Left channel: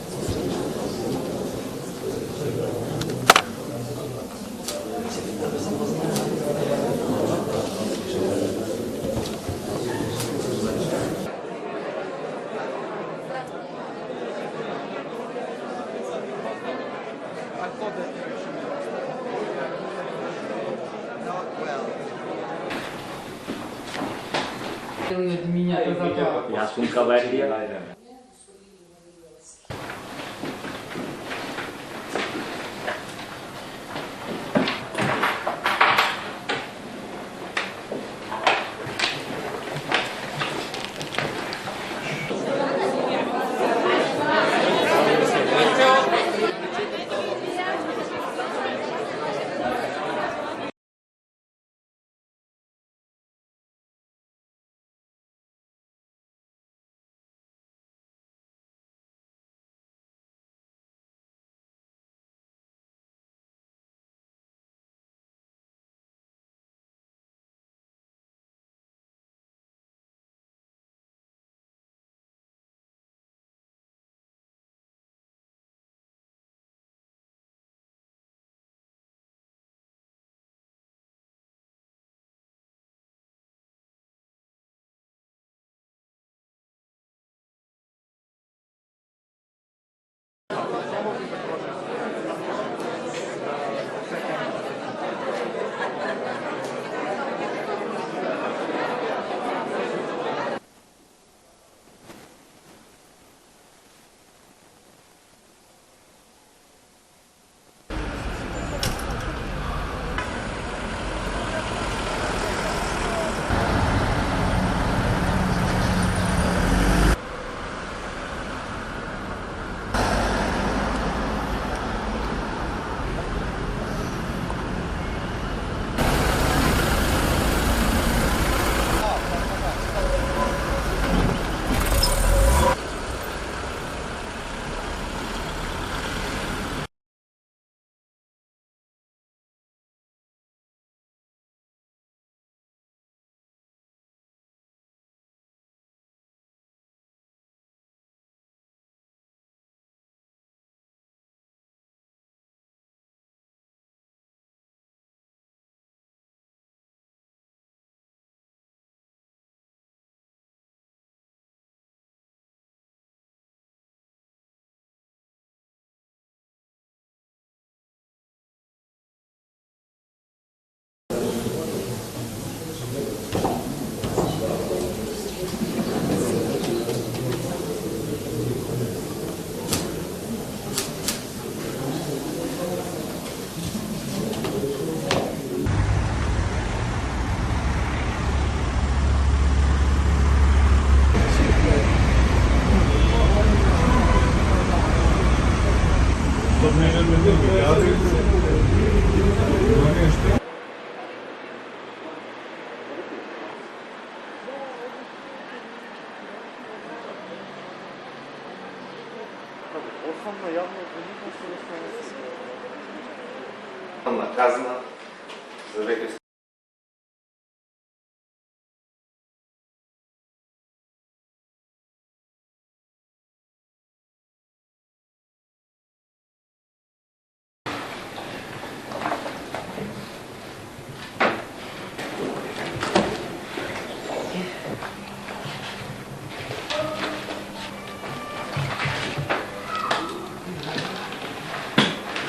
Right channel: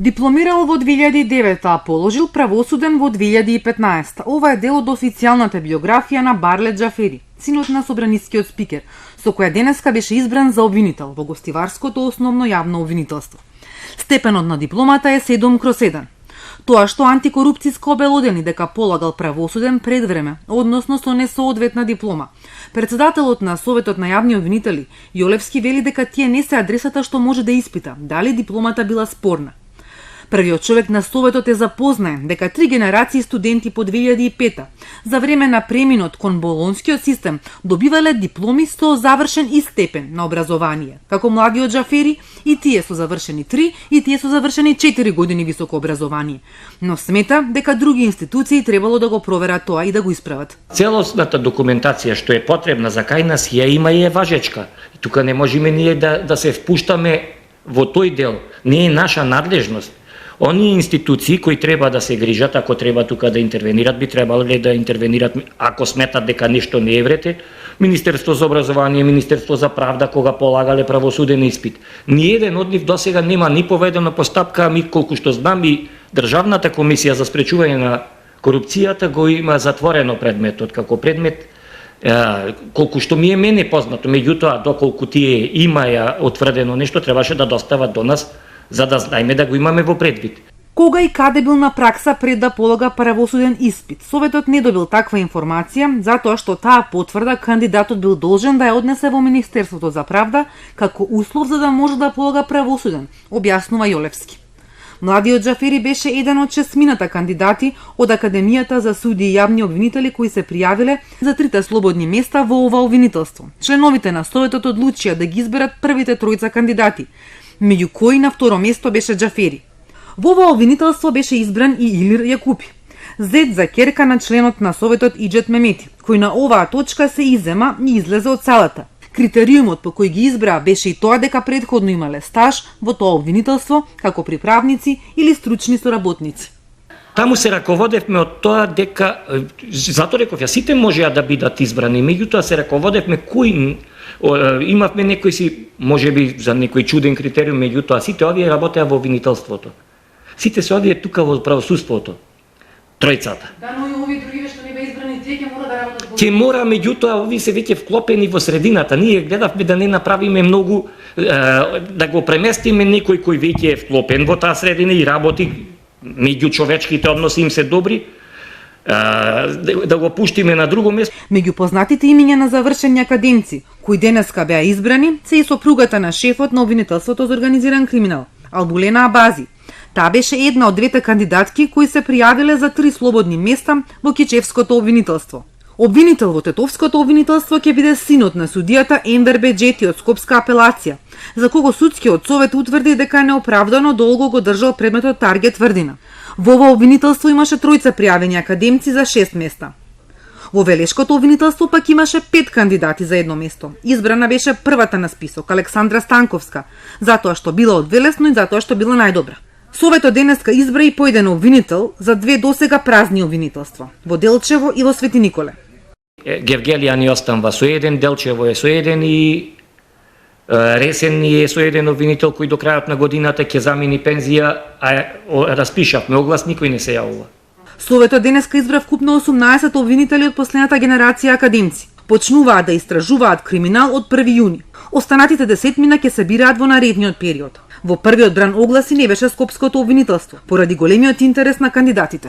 Дипломирал во 2009, а положил правосуден во 2015. Ова е дел од официјалната биографија на Барлет Џафери, синот на собраницкиот спикер, со која денеска беше избран за обвинител во Гостиварското основно јавно обвинителство. Степенот на дипломата е 7/7. Тоа што антикорупцијско обелодени дека полагал правосуден пред време, односно со несоодветна диплома. Председателот на Советот на јавни обвинители, Јолевски, вели дека тие не се адресата што може да испита дали дипломата била спорна. Првиот човек на Советот е запознаен дека 3 генерации студенти по 2005 за време на преминот кон болонскиот систем добивале дипломи со завршен и степен на образование, како младиот Џафери и тие со завршени 3 и тие со завршени 4 години високо образование. Но смета дека други институции требало да го проверат тоа и да го исправат. Целосната документација што е потребна за кај нас ја има и е важечка. И тука не можеме ние да се впуштаме во тој дел. Не е наша надлежност. Оние институции кои треба да се грижат, ако треба тука да интервенират, би требале да интервенират ако сметат дека нешто не е врете. Министерство за образование, Министерство за правда, кога полагале правосуден испит. Ниеден од нив досега нема ни поведена постапка, ами колку што знам и Државната комисија за спречување на корупцијата го има затворено предметот како предмет, колку што ми е мене познато. Меѓутоа, доколку тие имаја утврдено нешто, требаше да достават до нас, за да знаеме да го имаме во предвид. Кога и каде бил на пракса пред да полага правосуден испит? Советот не добил таква информација, затоа што таа потврда кандидатот бил должен да ја однесе во Министерството за правда како услов за да може да полага правосуден, објаснува Јолевски. Младиот Џафери беше еден од 6 кандидати од Академијата за суди и јавни обвинители кои се пријавиле за 3 слободни места во ова обвинителство. Членовите на Советот одлучија да ги изберат првите 3 кандидати, меѓу кои на второ место беше Џафери. Во ова обвинителство беше избран и Илир Јакупи, зет за ќерка на членот на Советот Иџет Мемети, кој на оваа точка се иззема и излезе од салата. Критериумот по кој ги избра беше и тоа дека претходно имале стаж во тоа обвинителство како приправници или стручни соработници. Таму се раководевме од тоа дека, затоа реков ја, сите можеа да бидат избрани, меѓутоа се раководевме кои имавме некои си, можеби за некој чуден критериум, меѓутоа сите овие работеа во обвинителството. Сите се овие тука во правосудството. Тројцата. Да, но и овие други што не беа избрани, тие ќе мора да работат во. Ќе мора, меѓутоа овие се веќе вклопени во средината. Ние гледавме да не направиме многу, да го преместиме некој кој веќе е вклопен во таа средина и работи, меѓу човечките односи им се добри, да го пуштиме на друго место. Меѓу познатите имиња на завршени академци, кои денеска беа избрани, се и сопругата на шефот на обвинителството за организиран криминал, Албулена Абази. Таа беше една од 2 кандидатки кои се пријавиле за 3 слободни места во Кичевското обвинителство. Обвинител во Тетовското обвинителство ќе биде синот на судијата Ендер Беџети од Скопска апелација, за кого судскиот совет утврди дека неоправдано долго го држал предметот Таргет Тврдина. Во ова обвинителство имаше 3 пријавени академци за 6 места. Во Велешкото обвинителство пак имаше 5 кандидати за едно место. Избрана беше првата на список, Александра Станковска, затоа што била од Велесно и затоа што била најдобра. Советот денеска избра и поеден обвинител за 2 досега празни обвинителства, во Делчево и во Свети Николе. Гевгелија ни останува со еден, Делчево е со еден и Ресен ни е со еден обвинител кој до крајот на годината ќе замени пензија, а распишавме оглас, никој не се јавува. Советот денеска избра вкупно 18 обвинители од последната генерација академци. Почнуваат да истражуваат криминал од 1 јуни. Останатите 10 ќе се бираат во наредниот период. Во првиот бран огласи не беше Скопското обвинителство, поради големиот интерес на кандидатите.